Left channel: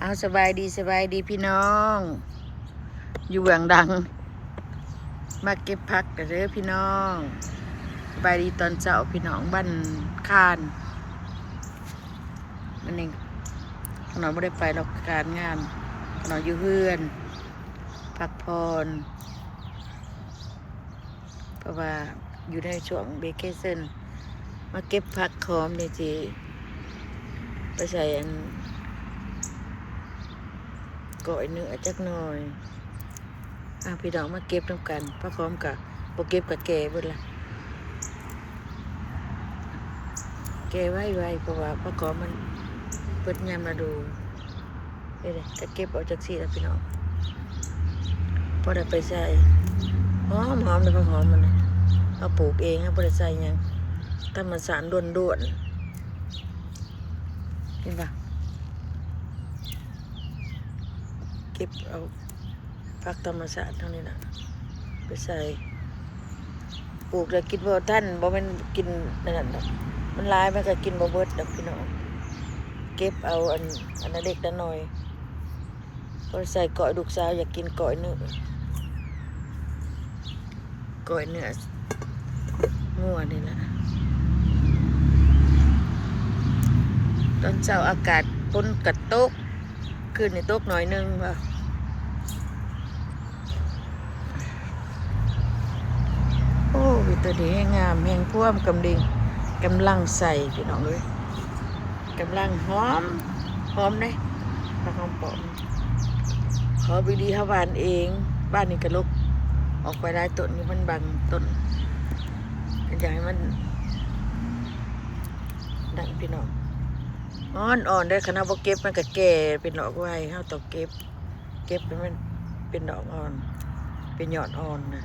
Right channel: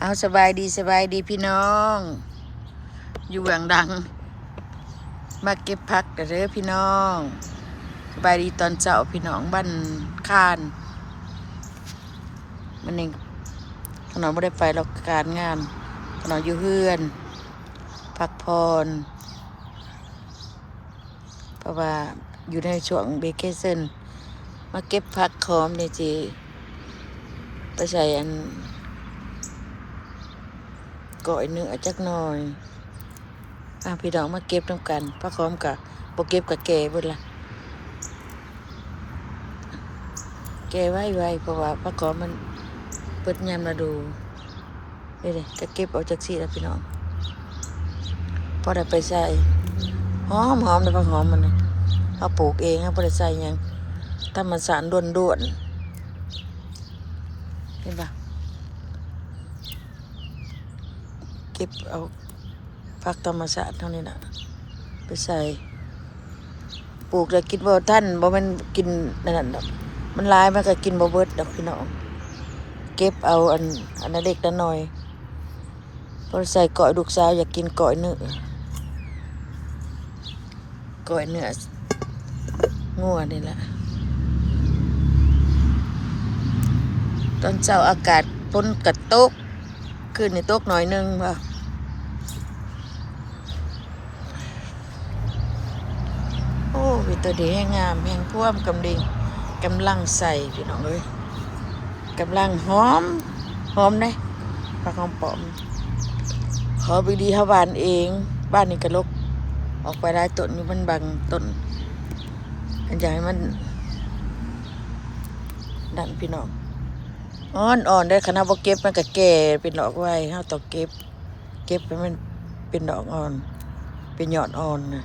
เอาสบายดีพี่น้องอยู่เบื้องดังมาเก็บผักเด้อพี่น้องสบายดีตอนเช้าพี่น้องบ้านคานมันเองขนมไม่ได้ไปหรอกการงานขนมอยู่เฮือนพักผ่อนเพราะว่าอยู่ในช่วงเบเกเซนมาเก็บผักหอมเลยจีไปใส่อันก่อยเนื้อจักหน่อยพี่น้องมาเก็บน้ำกันผักหอมกับโปเก็บกับแก่เบิดละแก่ไว้เพราะว่าผักหอมมันเปิดยามมาดูนี่เลยจะเก็บเอาจากซี่แล้วพี่น้องพอได้ไปใส่หอมเลยผักหอมมันเลยเอาปลูกเองพอได้ใส่ยังธรรมชาติด้วนเห็นปะเก็บเอาผักธรรมชาติเท่านี้นะไปใส่ปลูกแล้วกินบ่ท่านบ่มันกินนั่นดอกมันลายมันก็กินบ่เบิดดอกพี่น้องเก็บเอาอันนั้นเล็กน้อยพอใส่ก้อยลูกสาวอยากกินก้อยเนื้องัวนี่แหละตอนเช้าอากาศฝนกระตกคืนนี่ตกหน่อยนึงป่ะโอ้ยตัวดีแห้งงามแห้งพ่วมกำลังใส่พี่น้องเลยกำลังหอมเลยผักหอมปอมขอไปดีเขาบ้านเองบ้านนี่กระลกออกไปได้ต้นนี้มันบังต้นมันอยากให้มันดันพี่น้องอ่อนได้ขนาดว่าเก็บมันก็แก่เป็นดอกไว้เขาต้องเก็บให้มันเป็นดอกอ่อนเป็นยอดอ่อนนะ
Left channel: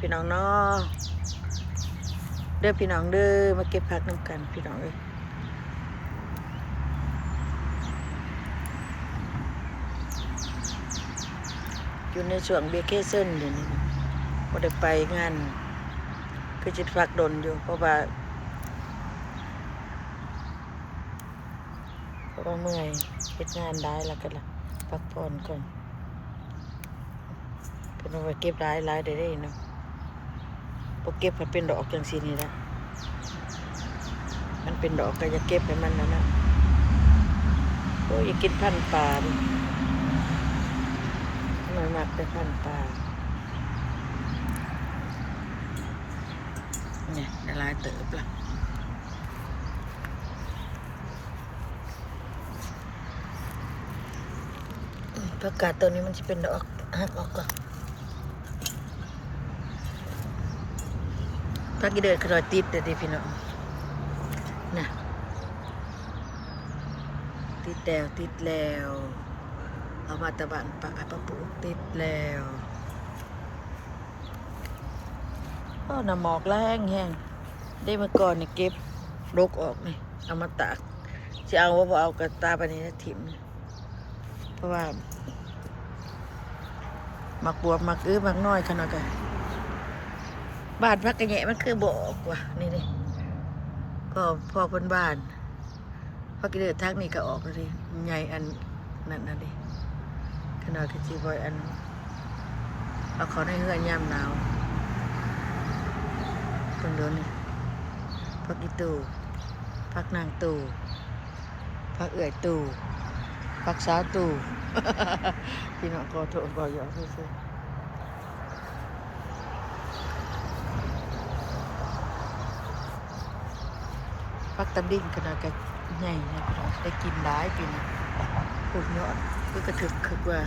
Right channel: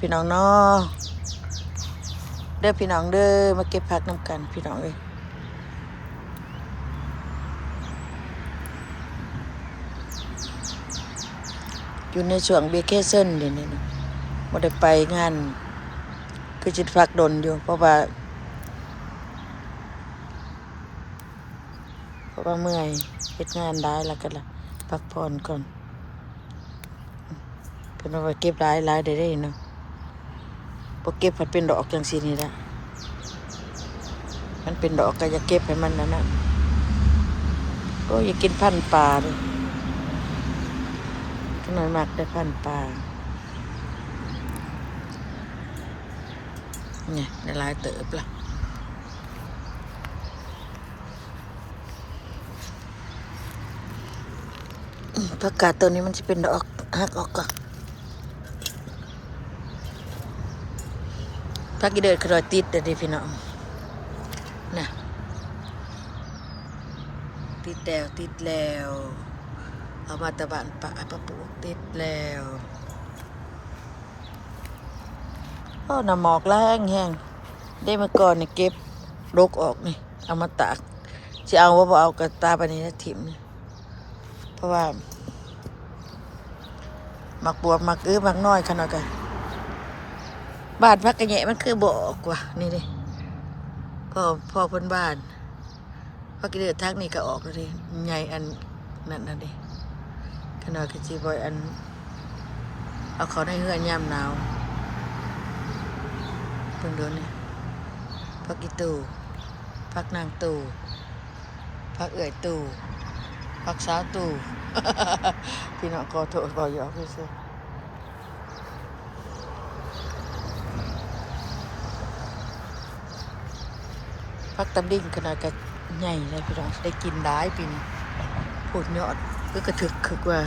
พี่น้องเนาะเด้อพี่น้องเด้อมาเก็บผักน้ำกันพี่น้องเลยอยู่ในช่วงเบเกเซนเดี๋ยวนี้นะไม่ได้ไปงานคือจิตพักดนอยู่เพราะว่าเมื่อยเฮ็ดงานได้แล้วก็ละพักผ่อนก่อนเป็นว่าเก็บหลายได้เนาะพอเก็บมันเป็นดอกจังสีนี่ละมันเป็นดอกก็อย่าเก็บให้มันนะโอ้ยอย่ากินพันปลาเลยขนมหมักได้พันปลานี่หลายเติบละผักกาดตัวนี้มันจะเป็นดอกหักออกก่อนผักกีเดินขรอยติดเดี๋ยวดิพี่น้องน่ะติดแล้วเอามาตะบานปะปลูกติดแล้วน้ำหมอกแรงแห้งได้มาก่อนนี่เก็บรกออกนี่เอามาตากจะเอาว่าเอากระตาปนี้นะถิ่มนี่เพราะว่าหมักบวบหมักหมักน้อยขนาดกันบ้านพักกระแยะมันคือบอกว่านี่ดิพ่อเพิ่นบ้านพักกระเดือดทักนี่ก็ออกเลยใหญ่อันนั่นดิขนาดกระจีบอยอันเอาเขาในเฮือนยามหนาวเพิ่งโดนนี่พักอีตู่พักนางตู่พักเอื่อยตู่พักสาวตู่ พี่น้องขอโทษบอกยอกพี่ซื้อพักตำลิ่งขนาดกับใหญ่เลยพี่น้องได้กินได้ปีนี้พูดยอดเพื่อกระถึกคือว่า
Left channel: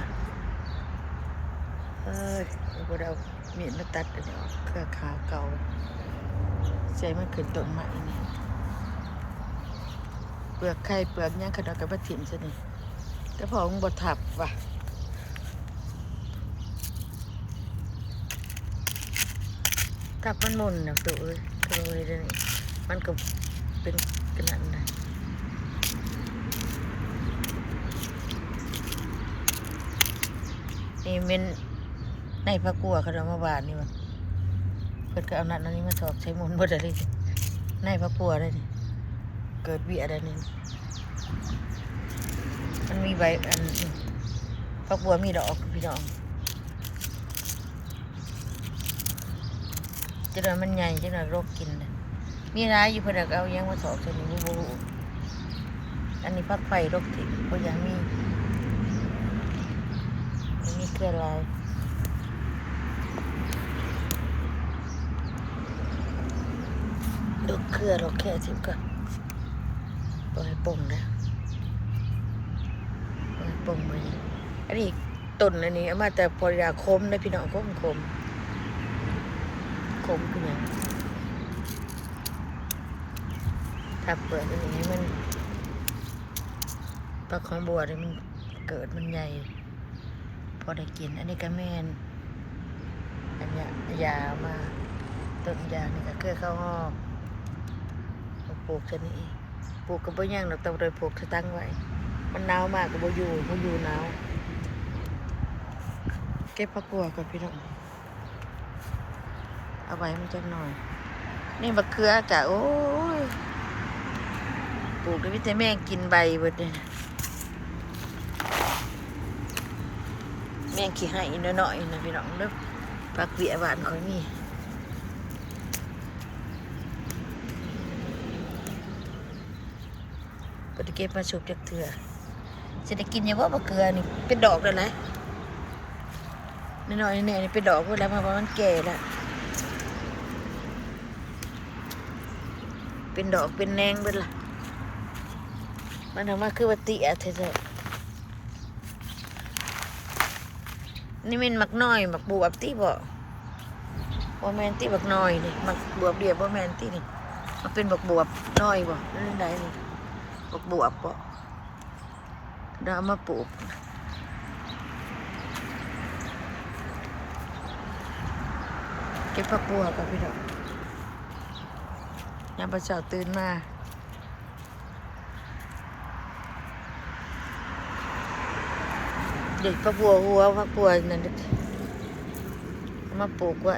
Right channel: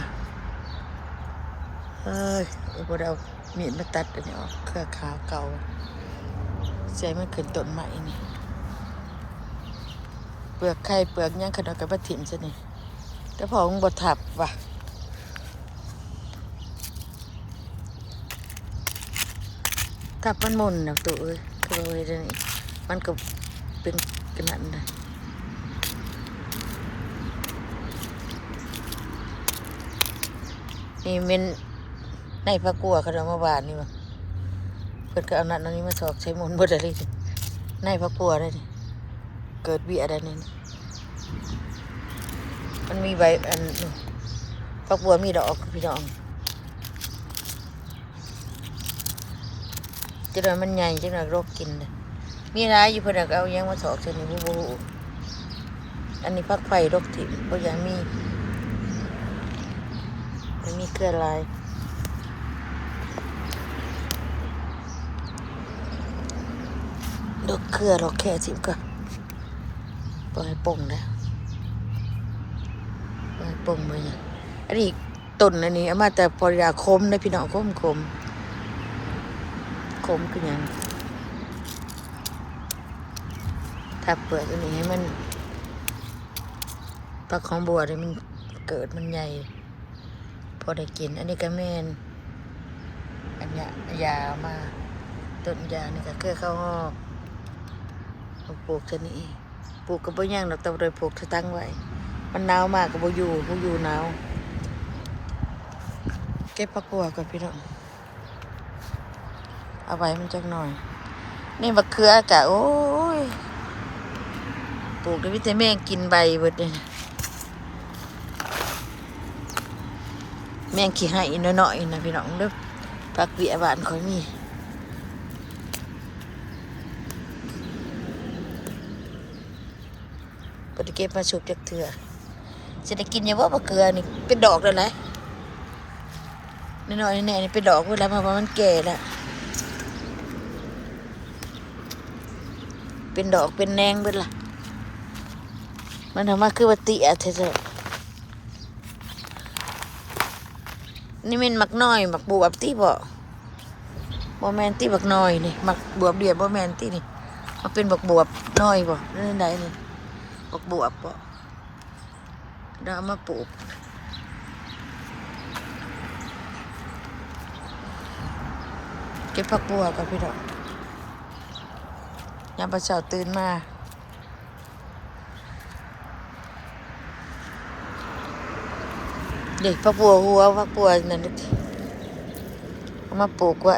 พอเรามีดมาตัดอันนี้ออกเครือขาเก่าใส่มันขึ้นต้นใหม่นี่เปลือกไข่เปลือกย่างขนาดกับบัดถิ่มใช่นี่แต่พอมึงบดถับว่ะถับมันมุนนะตัวคือมันก็เป็นขนาดนั้นนี่เป็นในพระกัวเขาเอามาบานนี่วะเพิ่นก็เอานั่นนี้มาสอกใช้มุนบดอะไรในพระกัวได้นี่เกิดเบี้ยอะไรนี่มัน มันมีใบผักบัวมีดอกพี่น้องจะโดนมันใหญ่จังหน่อยโรคกินเลยมีร้ายอยู่เพื่อนก็เอายังมาถอกเช่นนี้บูอันนี้พักไฟโรคถิ่มเพราะยังมีเครือลายดอกเครือดอกแค่ทิมก็ปล่อยป่งแล้วปล่อยป่งไปอันนี้ต้นอันนี้เอามาแต่ปริยาคมในพี่น้องคมคือยังถ้าเปิดอันนี้ให้มันผักของบัวเลยมันเกิดมันใหญ่พอได้กินอันนี้ก็แม่นอันนี้ยามาต้นยานี่ก็เคยเข้าห้อปลูกชนิดปลูกกับบ่ย่างดอกแต่โดยปลูกจะตั้งไว้มันหนาวมากกับบ่อยู่หนาวเก็บผักบัวก่อนพี่น้องเอาไว้มันจักหน่อยนี่มะเขือกะโอ้ยปลูกได้วิตามินกินใบเบิดนี่แมงขี้ให้น้อยๆนะพี่น้องเด้อผักเบี้ยบ้านข่อยมีบ่ได้เก็บมาสุกจักเทื่อสิได้กินอยู่บ่มะเขือนี่เป็นดอกแล้วนะน้อยๆแน่ๆนี่เป็นดอกเวลามันแก่แล้วเป็นดอกเป็นแนงเบิดล่ะมันทำมาคือว่าเตี้ยแท้ๆนี่มันมักน้อยมักบวบตีบ่แมนตีบักน้อยนี่มักบวบเดียวบ่แมนตีนี่มันเป็นบักบวบน้อยบ่นี่ไหนนี่บักบวบบ่เราเอามาปลูกเก็บผักบัวกับพี่ดอกยามประเช้าตื่นมาเด็กผักบัวหัวผักบัวนั่นเอามาปลูกไว้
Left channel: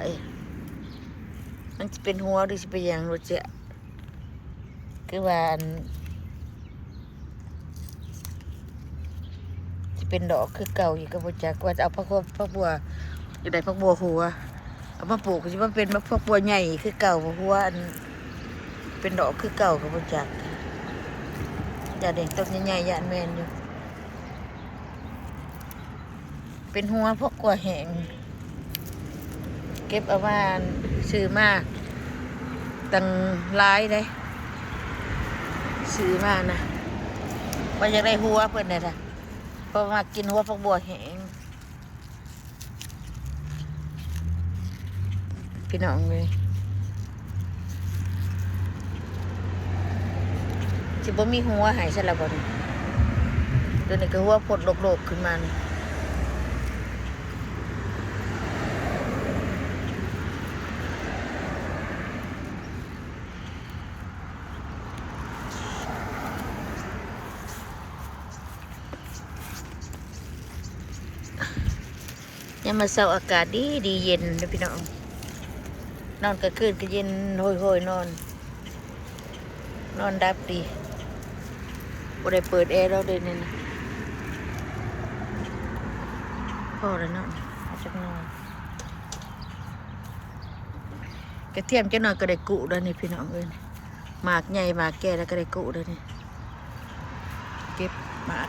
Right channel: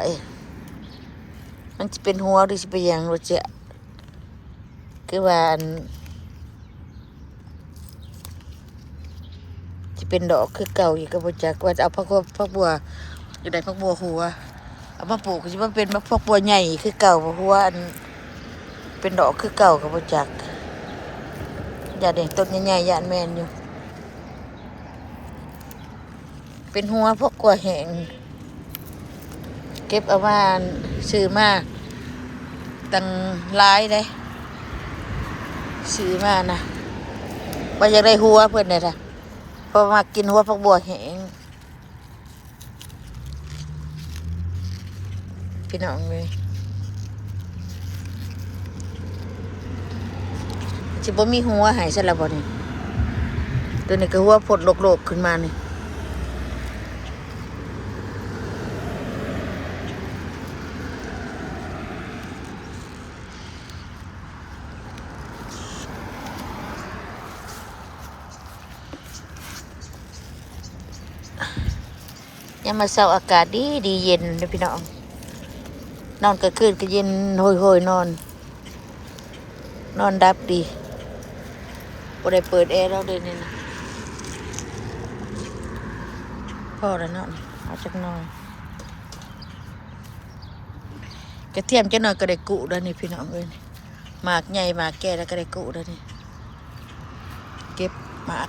มันจะเป็นหัวหรือจะเป็นอย่างเราจะคือว่าจะเป็นดอกคือเก่าอีกก็บ่จักว่าจะเอาผักบัวอยู่ได้ผักบัวหัวเอามาปลูกจะมาเป็นผักบัวใหญ่คือเก่าหัวเป็นดอกคือเก่าก็บ่จักอย่าเด็กต้นใหญ่ๆยานแมนอยู่เป็นหัวพวกกัวแห้งเก็บเอามาซื้อมาตั้งหลายเลยซื้อมานะว่าอยากได้หัวเพิ่นเนี่ยล่ะเพราะมากินหัวพวกบัวแห้งพี่น้องเลยจะบ่มีหัวหายซะละบ่นี่ตัวนี้ก็หัวผดโลกๆขึ้นมานี่ยามมาเช้าอากาศดีเย็นเลยพี่น้องนอนกลางคืนก็เย็นโหยนอนดับดีบ่ได้เปิดแอร์เราเด่นนี่นะพอแล้วนอนเอาจักหน่อยกระเทียมจักหน่อยก็ได้กุแล้วนี่พี่น้องเอ้ยหมากใหญ่หมากแก่แล้วก็ได้กุแล้วนี่เก็บหมาก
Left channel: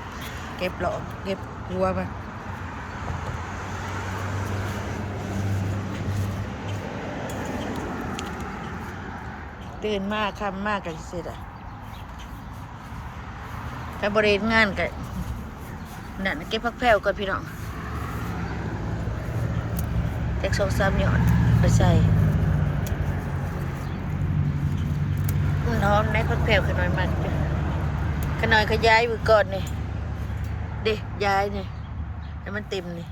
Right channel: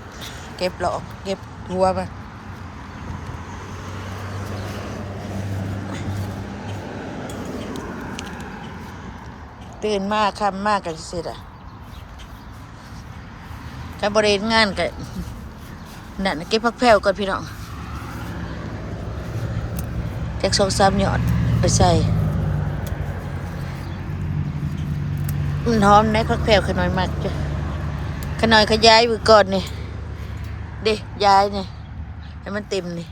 เก็บหลอกเก็บหัวมาตื่นมากค่ำมากกันสิอ่ะถ้าบริเวณงานก็นั่นเก็บผักแพรวก่อนพี่น้องแจ็ค2-3หยอดไปใส่หอมได้ผักแพรวขน้อยมากจ้ะขน้อยขยายไว้ก่อนนี่เด้ย้ายนี่ให้มันเต็มนี่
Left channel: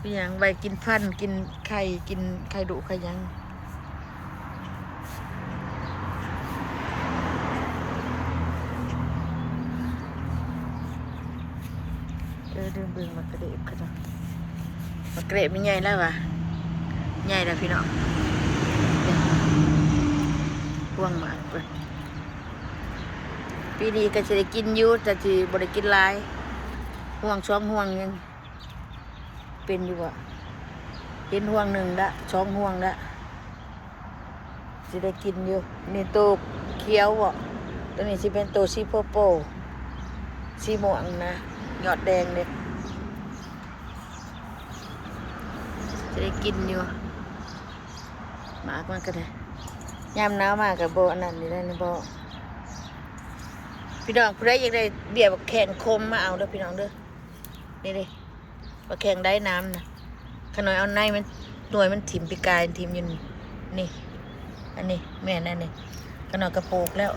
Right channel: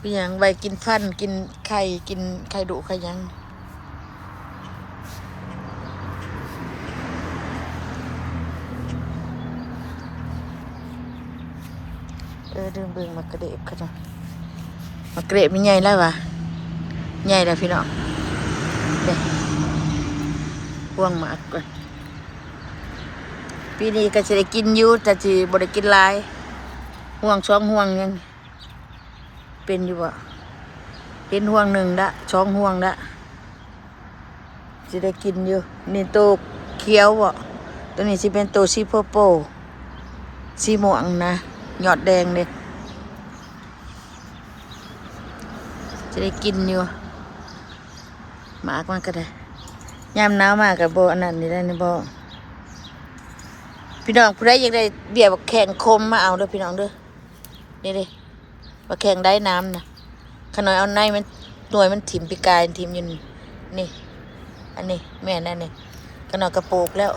พี่ยังใบกินฟันกินไข่ดุไข่ยังดึงเบิ่งมากระเดบกันมากระเดบมันใหญ่แล้ววะใหญ่แล้วพี่น้องเด้พวงหมากก่อนปี ปีนี้ก็จะได้กินอยู่แต่ที่บ่ได้กินหลายห่วง2ห่วงยังเป็นอยู่บ่เห็นห่วง1ละ2ห่วงละสิได้กินอยู่นี่โตเขียวบ่ตัวนี้สิเป็นโตสีโพโปสีม่วงนะยอดแดงเด้จะได้กินอยู่หมากมันก็ได้ยามหนาวมากกับบ่อันนั้นนี่ได้นี่บ่พี่น้องผู้ใดอยากได้เบี้ยบักแข้งคมมาเอาเด้อพี่น้องเด้อนี่เด้บักแข้งได้น้ำนะขน้อยเอาในมันหน่วยมันถิ่มปีกายถิ่มอยู่นี่อันนี้แม่นั่นนี่ขน้อยกระโปกแล้ว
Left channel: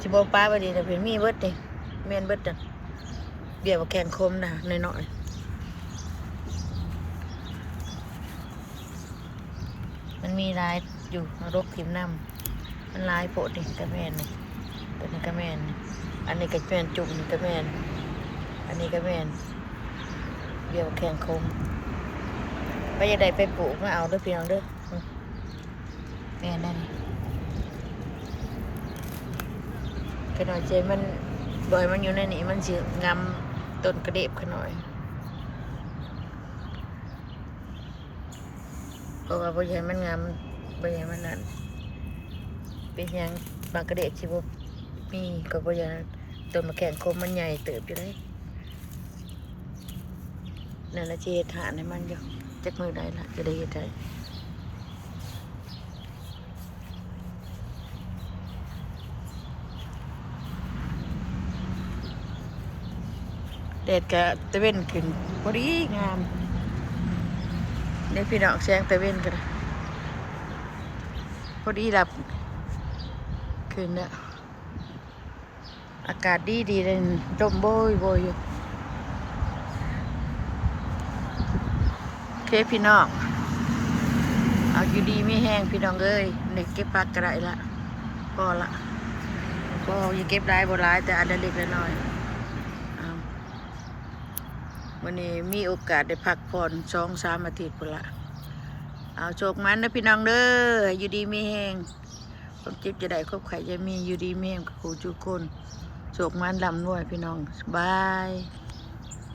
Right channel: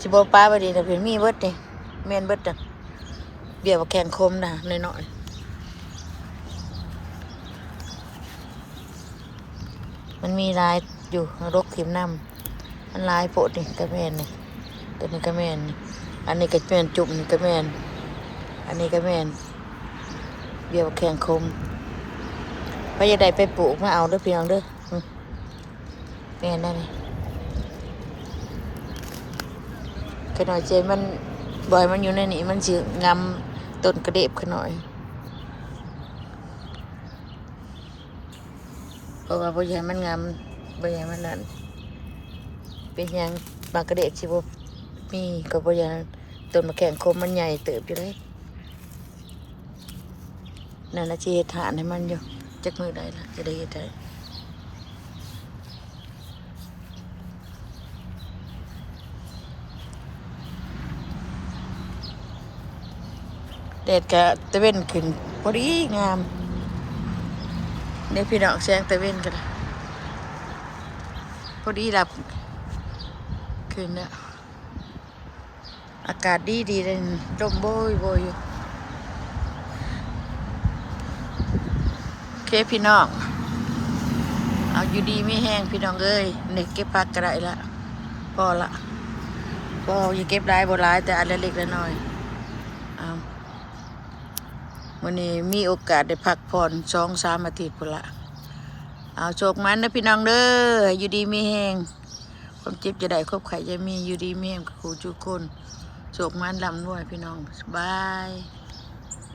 สิบ่ป้าบ่ดีแต่เพิ่นมีเบิดนี่แม่นเบิดน่ะเบี้ยบักแข้งคมน่ะน้อยๆมันมีลายอยู่รกขิมน้ำมันลายโปดนี่กระแม่นนี่ตัวนี้กระแม่นนี่อันนี้กระแม่นจุ่มนี่กระแม่นอันนี้กระแม่นเบี้ยบักแข้งคมไปยังไดไปปลูกมาเอาเด้อพี่น้องเด้อแม่นั่นนี่ขน่อยใจมันบ่อยมันอยู่ในนี้มันสิงำต้นกระเด็บขน่อยเพราะว่าบ่อยากให้มันงำบ่อยากให้มันนั่นเป็นหยังมากระเด็บสิบ่มีก็บ่อยากให้ต้นมะแข่งคมมันใหญ่เติบอยู่เลยนั่นละสิเฮ็ดฐานให้มันอยู่จักมือได้ละจะได้เฮ็ดได้แดดก็ตะเว้นขึ้นพอดีงามเดี๋ยวพี่น้องแสงตะเว้นกันพอดีหลับขึ้นแล้วอากาศดีเลยลมโบยอยู่เคพี่น้องเอาอยู่ดีไม่แห้งพี่น้องเอ้ยเด็กเก็บผักก็ได้ละพอละก็อย่าเก็บได้บ่ร้ายแต่อันเล็กๆน้อยๆเอาวันนี้มีโอกาสได้พักผ่อน2-3 อาทิตย์พุ่นละเอาโชคมันนะพี่น้องเด้ออยู่ดีไม่แห้งความเจ็บจะได้ครบไข่จะมีอยู่ดีไม่แห้งกับครูทุกคนโชคมันลำด้วยพี่น้องบาย